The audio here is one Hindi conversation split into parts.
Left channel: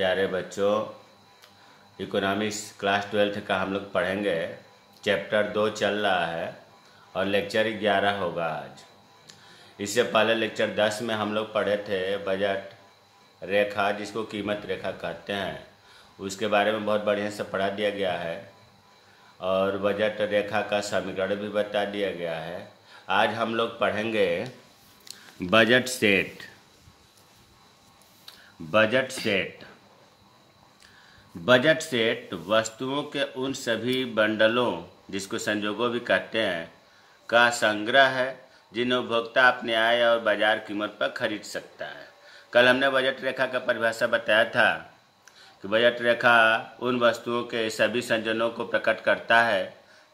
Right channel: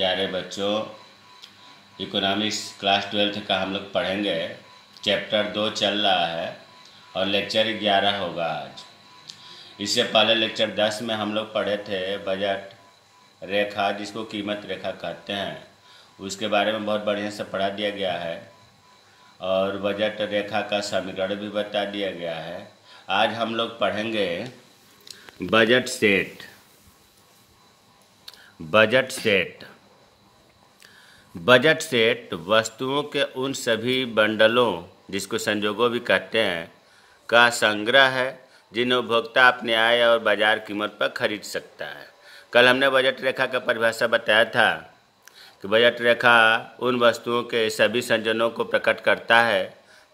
प्यारे बच्चों, इकोनॉमिक्स क्लास 12 का हम लोग पढ़ेंगे। चैप्टर 2 चल रहा है और लेक्चर 11 होगा आज। इससे पहले लेक्चर 10 में हम लोग पढ़े थे बजट रेखा, जिसको कीमत रेखा कहते हैं। उसके बारे में बहुत बढ़िया से पढ़ा दिया गया है और बजट रेखा का समीकरण भी बता दिया गया है। आज हम लोग पढ़ेंगे budget set. Budget set budget set वस्तुओं के उन सभी बंडलों, जिसको संजोगों भी कहते हैं, का संग्रह है जिन्हें उपभोक्ता अपने आय और बाजार कीमत पर खरीद सकता है। कल हमने बजट रेखा का परिभाषा बताया था कि बजट रेखा उन वस्तुओं के सभी संयोजनों को प्रकट करता है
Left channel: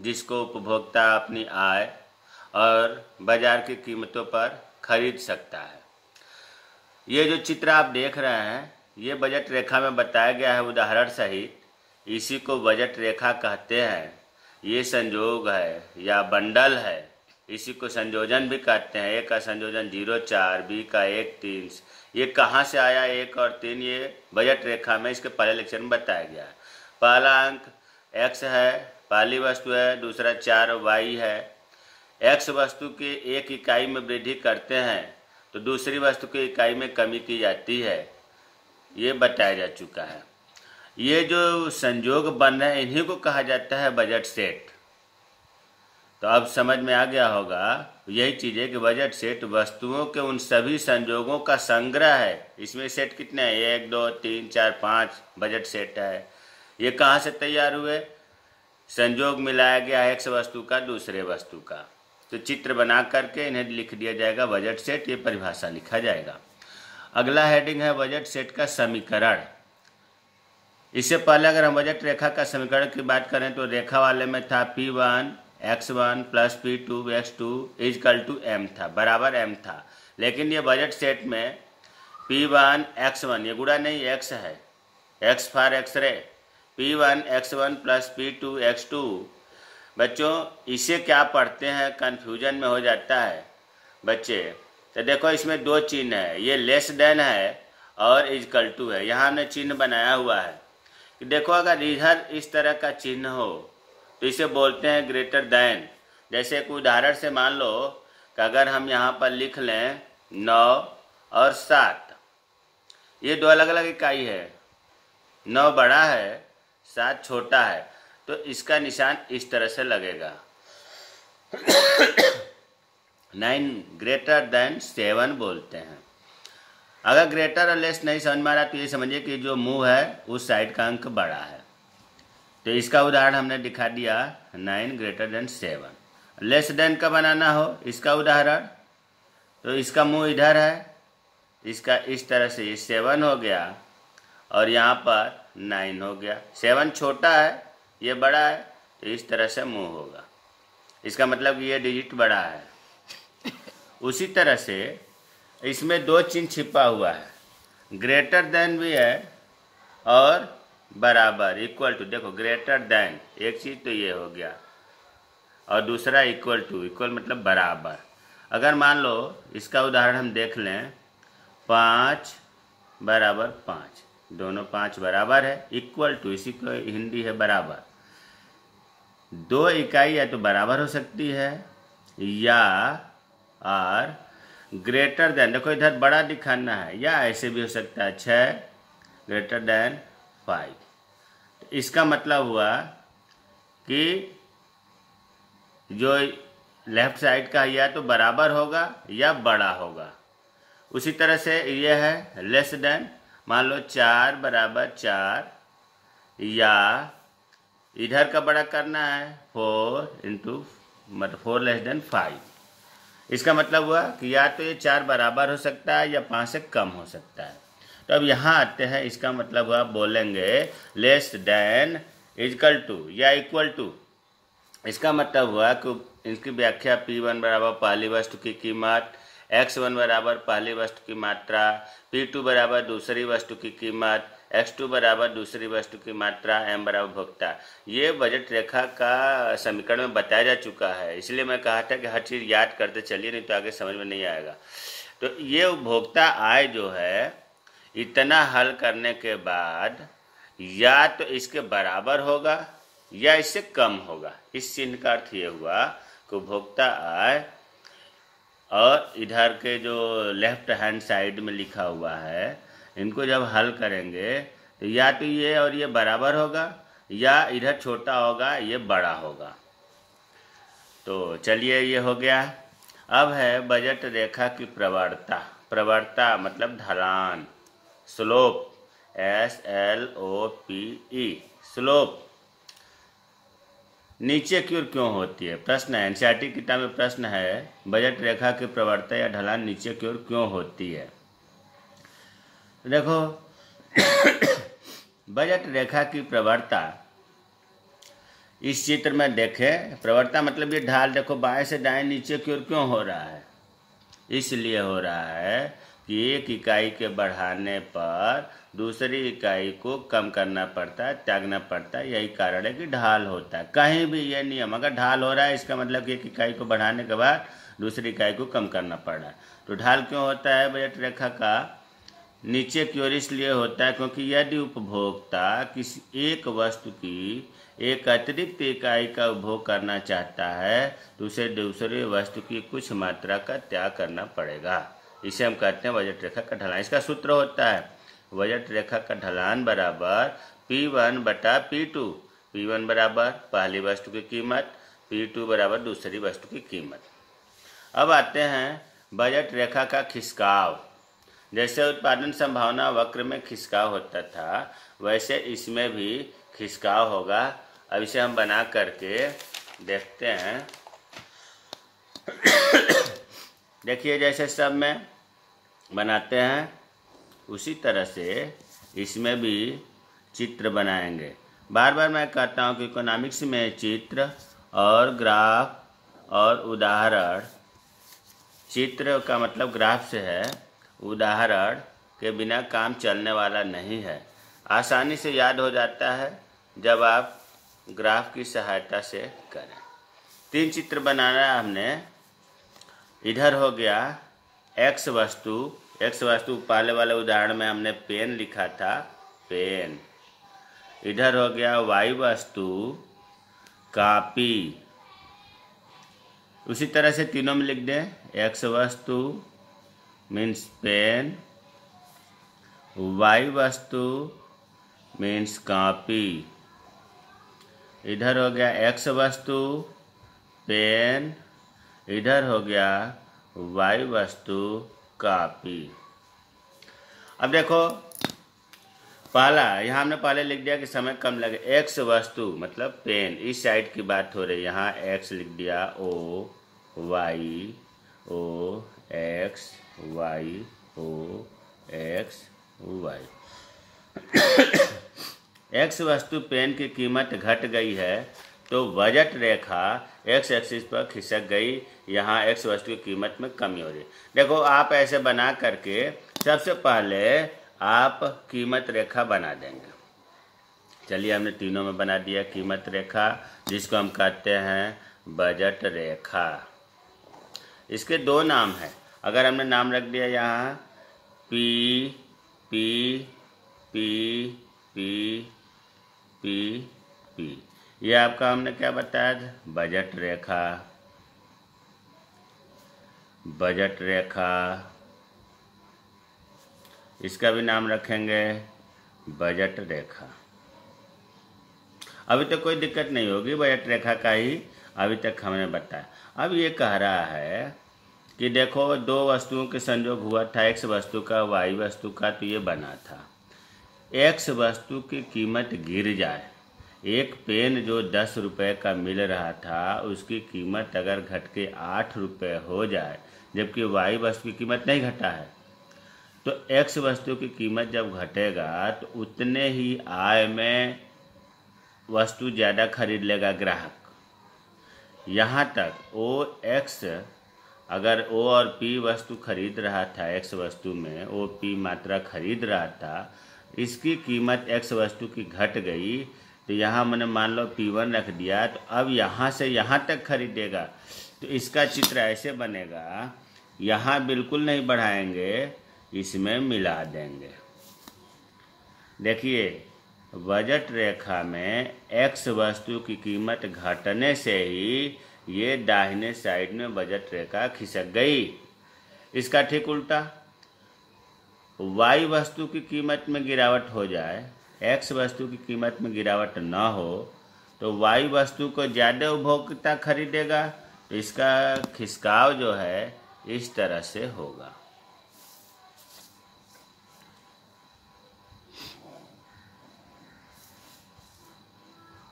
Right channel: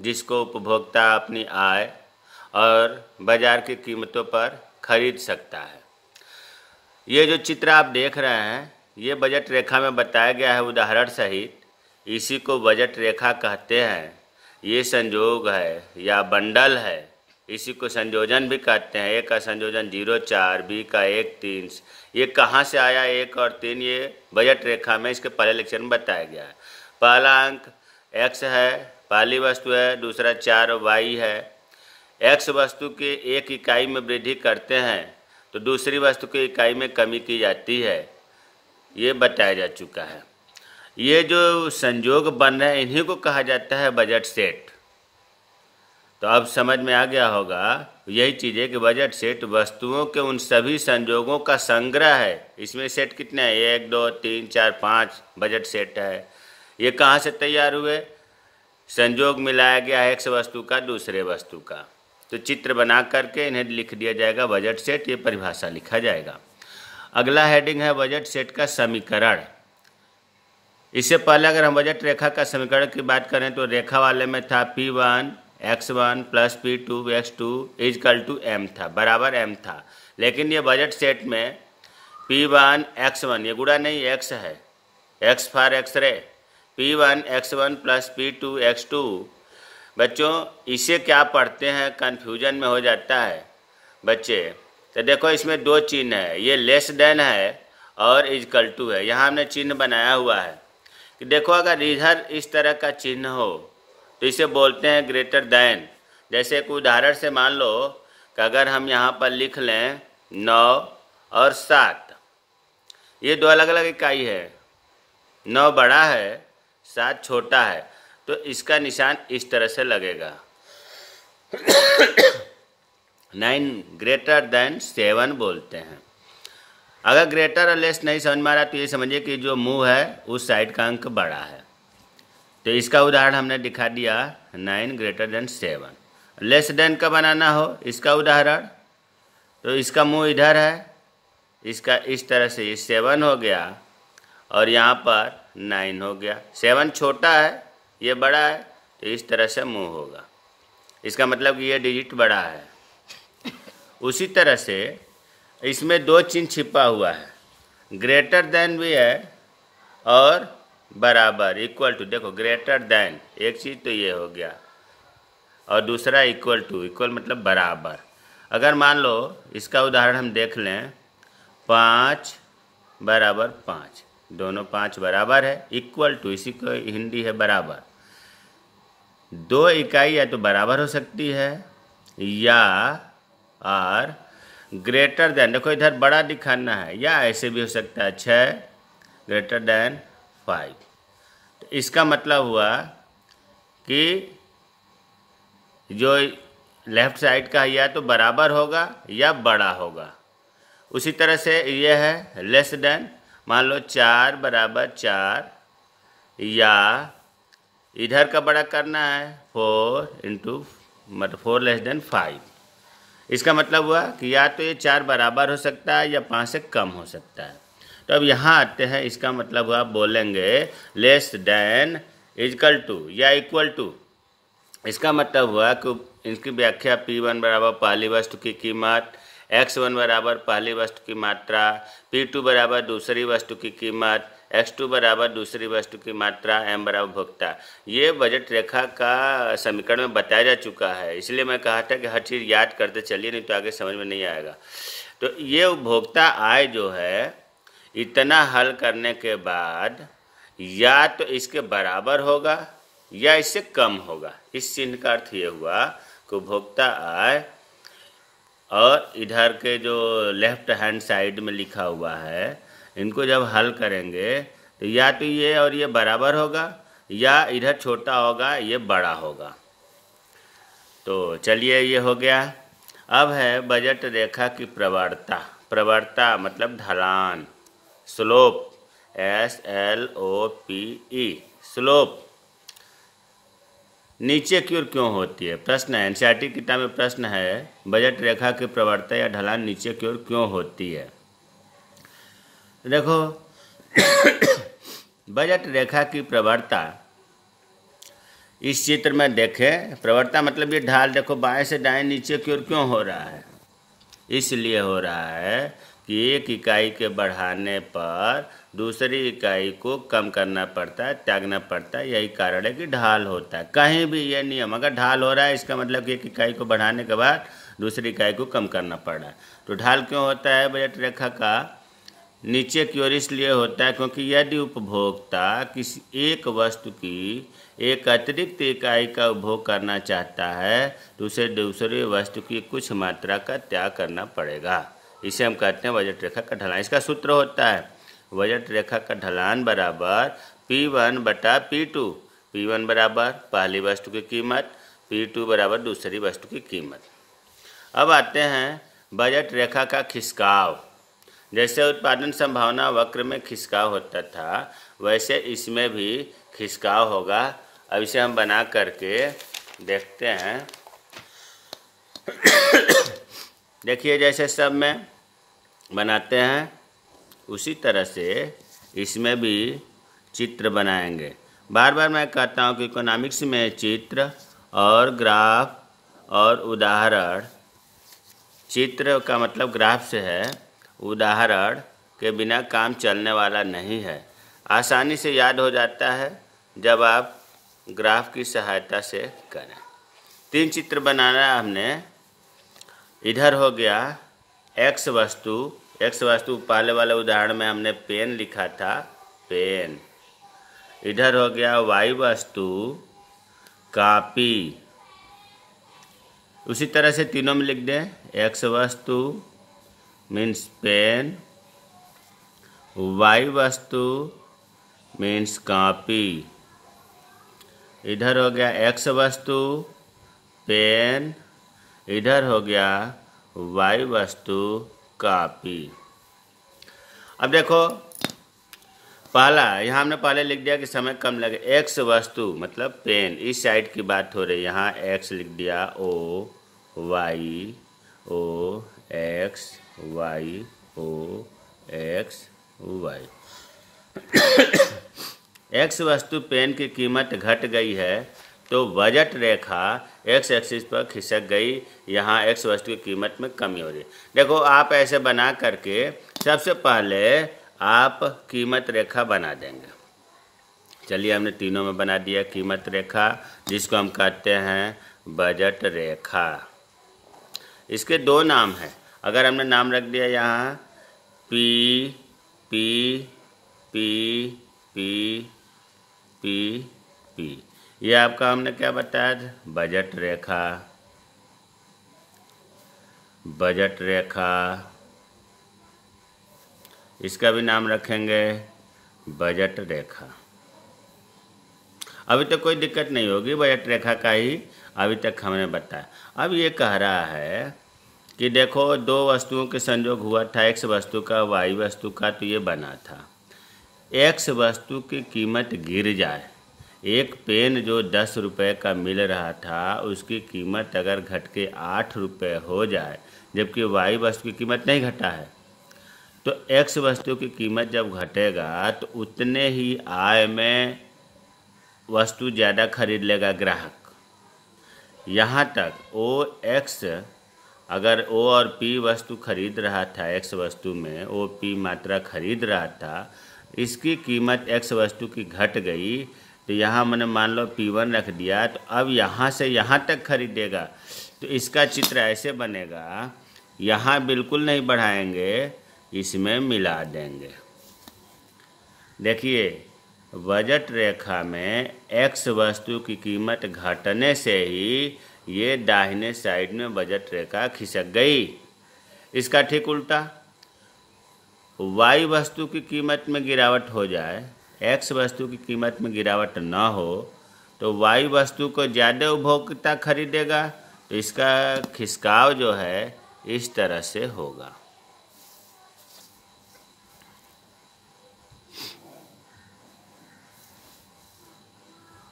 जिसको उपभोक्ता अपनी आय और बाजार की कीमतों पर खरीद सकता है। ये जो चित्र आप देख रहे हैं, ये बजट रेखा में बताया गया है उदाहरण सहित। इसी को बजट रेखा कहते हैं। ये संयोग है या बंडल है। इसी को संयोजन भी कहते हैं। ए का संयोजन 0, 4, बी का 1, 3। ये कहाँ से आया 1 और 3? ये बजट रेखा में इसके पहले लेक्चर में बताया गया है। पहला अंक x है, पहली वस्तु है। दूसरा 4 y है। x वस्तु की एक इकाई में वृद्धि करते हैं तो दूसरी वस्तु की इकाई में कमी की जाती है। ये बताया जा चुका है। ये जो संयोग बन रहे हैं, इन्हीं को कहा जाता है बजट सेट। तो अब समझ में आ गया होगा, यही चीज़ है कि बजट सेट वस्तुओं के उन सभी संयोगों का संग्रह है। इसमें सेट कितने हैं? 1, 2, 3, 4, 5 बजट सेट है। ये कहाँ से तैयार हुए? संयोग मिलाया गया है एक वस्तु का दूसरे वस्तु का। तो चित्र बना करके इन्हें लिख दिया जाएगा बजट सेट। ये परिभाषा लिखा जाएगा। अगला हेडिंग है बजट सेट का समीकरण। इससे पहले अगर हम बजट रेखा का समीकरण की बात करें तो रेखा वाले में था P1 x1 plus P2 x2 is equal to m था, बराबर m था। लेकिन ये बजट सेट में P1 x1, ये गुणा नहीं x है, x for x ray, P1 x1 plus P2 x2। बच्चों इसे क्या पढ़ते हैं, कन्फ्यूजन में हो जाता है बच्चे। तो देखो इसमें दो चिन्ह है, ये लेस देन है और इजकल टू है। यहाँ हमने चिन्ह बनाया हुआ है कि देखो अगर इधर इस तरह का चिन्ह हो तो इसे बोलते हैं ग्रेटर देन। जैसे एक उदाहरण से मान लो कि अगर हम यहाँ पर लिख लें 9 और 7, ये दो अलग अलग इकाई है। 9 बड़ा है, 7 छोटा है, तो इसका निशान इस तरह से लगेगा। 9 ग्रेटर देन 7 बोलते हैं। अगर ग्रेटर और लेस नहीं समझ में आ रहा तो ये समझिए कि जो मुंह है उस साइड का अंक बड़ा है। तो इसका उदाहरण हमने दिखा दिया 9 ग्रेटर देन 7। लेस देन का बनाना हो इसका उदाहरण, तो इसका मुंह इधर है, इसका इस तरह से ये 7 हो गया और यहाँ पर 9 हो गया। 7 छोटा है, ये बड़ा है, तो इस तरह से मुंह होगा। इसका मतलब कि ये डिजिट बड़ा है। उसी तरह से इसमें दो चिन्ह छिपा हुआ है, ग्रेटर देन भी है और बराबर, इक्वल टू। देखो ग्रेटर देन एक चीज़ तो ये हो गया और दूसरा इक्वल टू। इक्वल मतलब बराबर। अगर मान लो इसका उदाहरण हम देख लें, 5 बराबर 5, दोनों 5 बराबर है। इक्वल टू इसी को हिंदी है बराबर। दो इकाई या तो बराबर हो सकती है या और ग्रेटर देन, देखो इधर बड़ा दिखाना है, या ऐसे भी हो सकता है 6 ग्रेटर देन 5। तो इसका मतलब हुआ कि जो लेफ्ट साइड का या तो बराबर होगा या बड़ा होगा। उसी तरह से ये है लेस देन। मान लो 4 बराबर 4, या इधर का बड़ा करना है 4 इंटू मतलब 4 लेस देन 5। इसका मतलब हुआ कि या तो ये 4 बराबर हो सकता है या 5 से कम हो सकता है। तो अब यहाँ आते हैं, इसका मतलब हुआ बोलेंगे लेस देन इजकल टू या इक्वल टू। इसका मतलब हुआ कि इसकी व्याख्या P1 बराबर पहली वस्तु की कीमत, x1 बराबर पहली वस्तु की मात्रा, P2 बराबर दूसरी वस्तु की कीमत, x2 बराबर दूसरी वस्तु की मात्रा, m बराबर उपभोक्ता। ये बजट रेखा का समीकरण में बताया जा चुका है। इसलिए मैं कहा था कि हर चीज़ याद करते चलिए, नहीं तो आगे समझ में नहीं आएगा। तो ये उपभोक्ता आय जो है, इतना हल करने के बाद या तो इसके बराबर होगा या इससे कम होगा। इस चिन्ह का अर्थ ये हुआ कि उपभोक्ता आय और इधर के जो लेफ्ट हैंड साइड में लिखा हुआ है, इनको जब हल करेंगे तो या तो ये और ये बराबर होगा या इधर छोटा होगा ये बड़ा होगा। तो चलिए ये हो गया। अब है बजट रेखा की प्रवणता। प्रवणता मतलब ढलान, स्लोप, SLOPE, स्लोप। नीचे की ओर क्यों होती है? प्रश्न है, एनसीईआरटी किताब में प्रश्न है, बजट रेखा की प्रवणता या ढलान नीचे की ओर क्यों होती है? देखो बजट रेखा की प्रवणता इस चित्र में देखें। प्रवणता मतलब ये ढाल देखो बाएं से दाएं नीचे की ओर क्यों हो रहा है? इसलिए हो रहा है कि एक इकाई के बढ़ाने पर दूसरी इकाई को कम करना पड़ता है, त्यागना पड़ता है। यही कारण है कि ढाल होता है। कहीं भी ये नियम, अगर ढाल हो रहा है इसका मतलब कि एक इकाई को बढ़ाने के बाद दूसरी इकाई को कम करना पड़ रहा है। तो ढाल क्यों होता है बजट रेखा का नीचे की ओर? इसलिए होता है क्योंकि यदि उपभोक्ता किसी एक वस्तु की एक अतिरिक्त इकाई का उपभोग करना चाहता है तो उसे दूसरी वस्तु की कुछ मात्रा का त्याग करना पड़ेगा। इसे हम कहते हैं बजट रेखा का ढलान। इसका सूत्र होता है बजट रेखा का ढलान बराबर P1 बटा P2। P1 बराबर पहली वस्तु की कीमत, P2 बराबर दूसरी वस्तु की कीमत। अब आते हैं बजट रेखा का खिसकाव। जैसे उत्पादन संभावना वक्र में खिसकाव होता था वैसे इसमें भी खिसकाव होगा। अब इसे हम बना करके देखते हैं। देखिए जैसे सब में बनाते हैं उसी तरह से इसमें भी चित्र बनाएंगे। बार बार मैं कहता हूँ कि इकोनॉमिक्स में चित्र और ग्राफ और उदाहरण, चित्र का मतलब ग्राफ से है, उदाहरण के बिना काम चलने वाला नहीं है। आसानी से याद हो जाता है जब आप ग्राफ की सहायता से करें। 3 चित्र बनाना है हमने। इधर हो गया x वस्तु। x वस्तु पहले वाले उदाहरण में हमने पेन लिखा था, पेन। इधर हो गया y वस्तु, कॉपी। उसी तरह से तीनों में लिख दें। x वस्तु मीन्स पेन, y वस्तु मीन्स कॉपी। इधर हो गया x वस्तु, पेन। इधर हो गया y वस्तु, कॉपी। अब देखो पहला यहाँ हमने पहले लिख दिया कि समय कम लगे। x वस्तु मतलब पेन, इस साइड की बात हो रही है। यहाँ x लिख दिया, O Y O X Y O X Y। x वस्तु पेन की कीमत घट गई है तो बजट रेखा x एक्सिस पर खिसक गई। यहाँ x वस्तु की कीमत में कमी हो रही है। देखो आप ऐसे बना करके सबसे पहले आप कीमत रेखा बना देंगे। चलिए हमने तीनों में बना दिया कीमत रेखा, जिसको हम कहते हैं बजट रेखा। इसके 2 नाम हैं। अगर हमने नाम रख दिया यहाँ P P P P P P, ये आपका हमने क्या बताया था? बजट रेखा। बजट रेखा, इसका भी नाम रखेंगे बजट रेखा। अभी तक कोई दिक्कत नहीं होगी, बजट रेखा का ही अभी तक हमने बताया। अब ये कह रहा है कि देखो 2 वस्तुओं के संयोग हुआ था, x वस्तु का y वस्तु का, तो ये बना था। x वस्तु की कीमत गिर जाए, एक पेन जो 10 रुपये का मिल रहा था उसकी कीमत अगर घट के 8 रुपये हो जाए, जबकि y वस्तु की कीमत नहीं घटा है, तो x वस्तु की कीमत जब घटेगा तो उतने ही आय में वस्तु ज़्यादा खरीद लेगा ग्राहक। यहाँ तक OX, अगर O और P वस्तु खरीद रहा था, X वस्तु में O P मात्रा खरीद रहा था, इसकी कीमत X वस्तु की घट गई तो यहाँ मैंने मान लो P1 रख दिया, तो अब यहाँ से यहाँ तक खरीदेगा। तो इसका चित्र ऐसे बनेगा, यहाँ बिल्कुल नहीं बढ़ाएंगे, इसमें मिला देंगे। देखिए, बजट रेखा में एक्स वस्तु की कीमत घटने से ही ये दाहिने साइड में बजट रेखा खिसक गई। इसका ठीक उल्टा, वाई वस्तु की कीमत में गिरावट हो जाए, एक्स वस्तु की कीमत में गिरावट ना हो, तो वाई वस्तु को ज़्यादा उपभोक्ता खरीदेगा, तो इसका खिसकाव जो है इस तरह से होगा।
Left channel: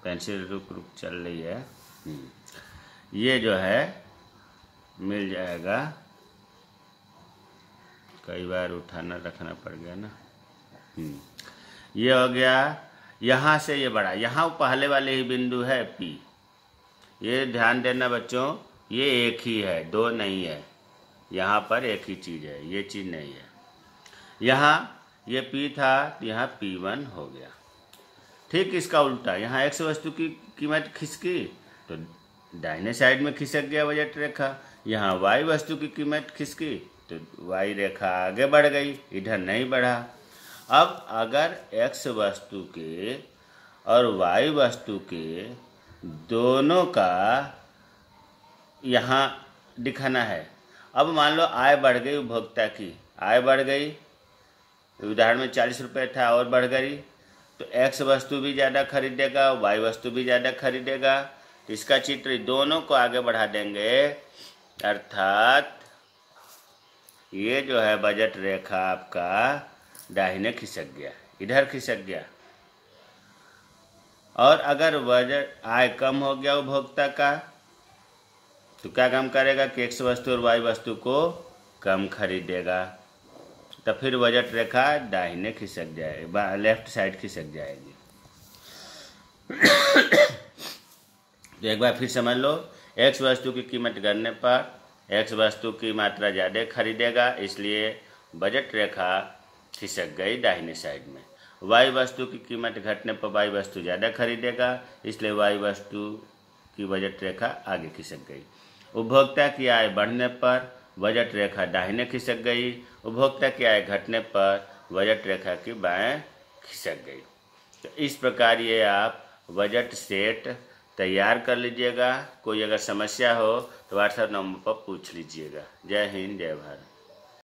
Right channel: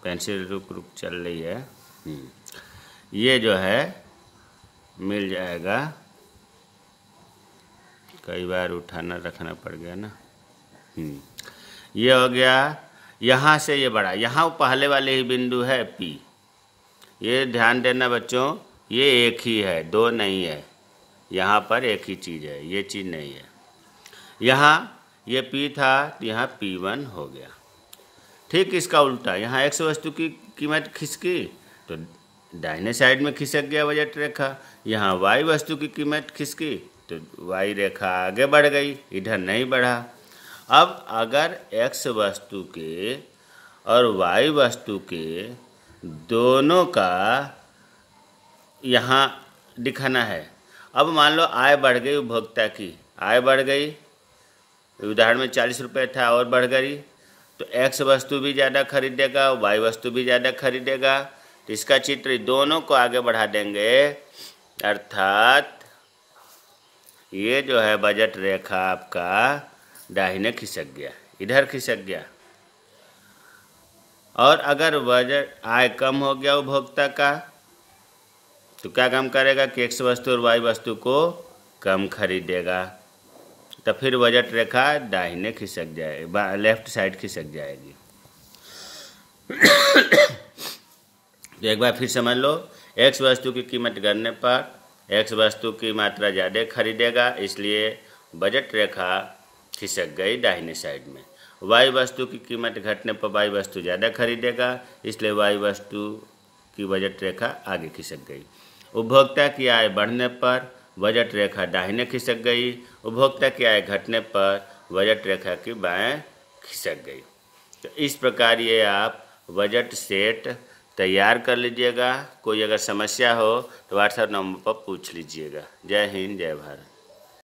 पेंसिल रुक रुक चल रही है। ये जो है मिल जाएगा, कई बार उठाना रखना पड़ गया ना। ये हो गया, यहाँ से ये बढ़ा, यहाँ पहले वाले ही बिंदु है P। ये ध्यान देना बच्चों, ये एक ही है, दो नहीं है। यहाँ पर एक ही चीज़ है, ये चीज़ नहीं है। यहाँ ये P था तो यहाँ P1 हो गया। ठीक इसका उल्टा, यहाँ एक्स वस्तु की कीमत खिसकी तो दाहिने साइड में खिसक गया बजट रेखा। यहाँ वाई वस्तु की कीमत खिसकी तो वाई रेखा आगे बढ़ गई, इधर नहीं बढ़ा। अब अगर एक्स वस्तु के और वाई वस्तु के दोनों का यहाँ दिखाना है। अब मान लो आय बढ़ गई, उपभोक्ता की आय बढ़ गई, उदाहरण में 40 रुपये था और बढ़ गई, तो एक्स वस्तु भी ज़्यादा खरीदेगा, वाई वस्तु भी ज़्यादा खरीदेगा। तो इसका चित्र दोनों को आगे बढ़ा देंगे, अर्थात ये जो है बजट रेखा आपका दाहिने खिसक गया, इधर खिसक गया। और अगर बजट आय कम हो गया उपभोक्ता का, तो क्या काम करेगा कि एक्स वस्तु और वाई वस्तु को कम खरीदेगा, तो फिर बजट रेखा दाहिने खिसक जाएगी, लेफ्ट साइड खिसक जाएगी। तो एक बार फिर समझ लो, एक्स वस्तु की कीमत गिरने पर एक्स वस्तु की मात्रा ज़्यादा खरीदेगा, इसलिए बजट रेखा खिसक गई दाहिने साइड में। वाई वस्तु की कीमत घटने पर वाई वस्तु ज़्यादा खरीदेगा, इसलिए वाई वस्तु की बजट रेखा आगे खिसक गई। उपभोक्ता की आय बढ़ने पर बजट रेखा दाहिने खिसक गई, उपभोक्ता की आय घटने पर बजट रेखा की बाएं खिसक गई। तो इस प्रकार ये आप बजट सेट तैयार कर लीजिएगा। कोई अगर समस्या हो तो व्हाट्सएप नंबर पर पूछ लीजिएगा। जय हिंद, जय भारत।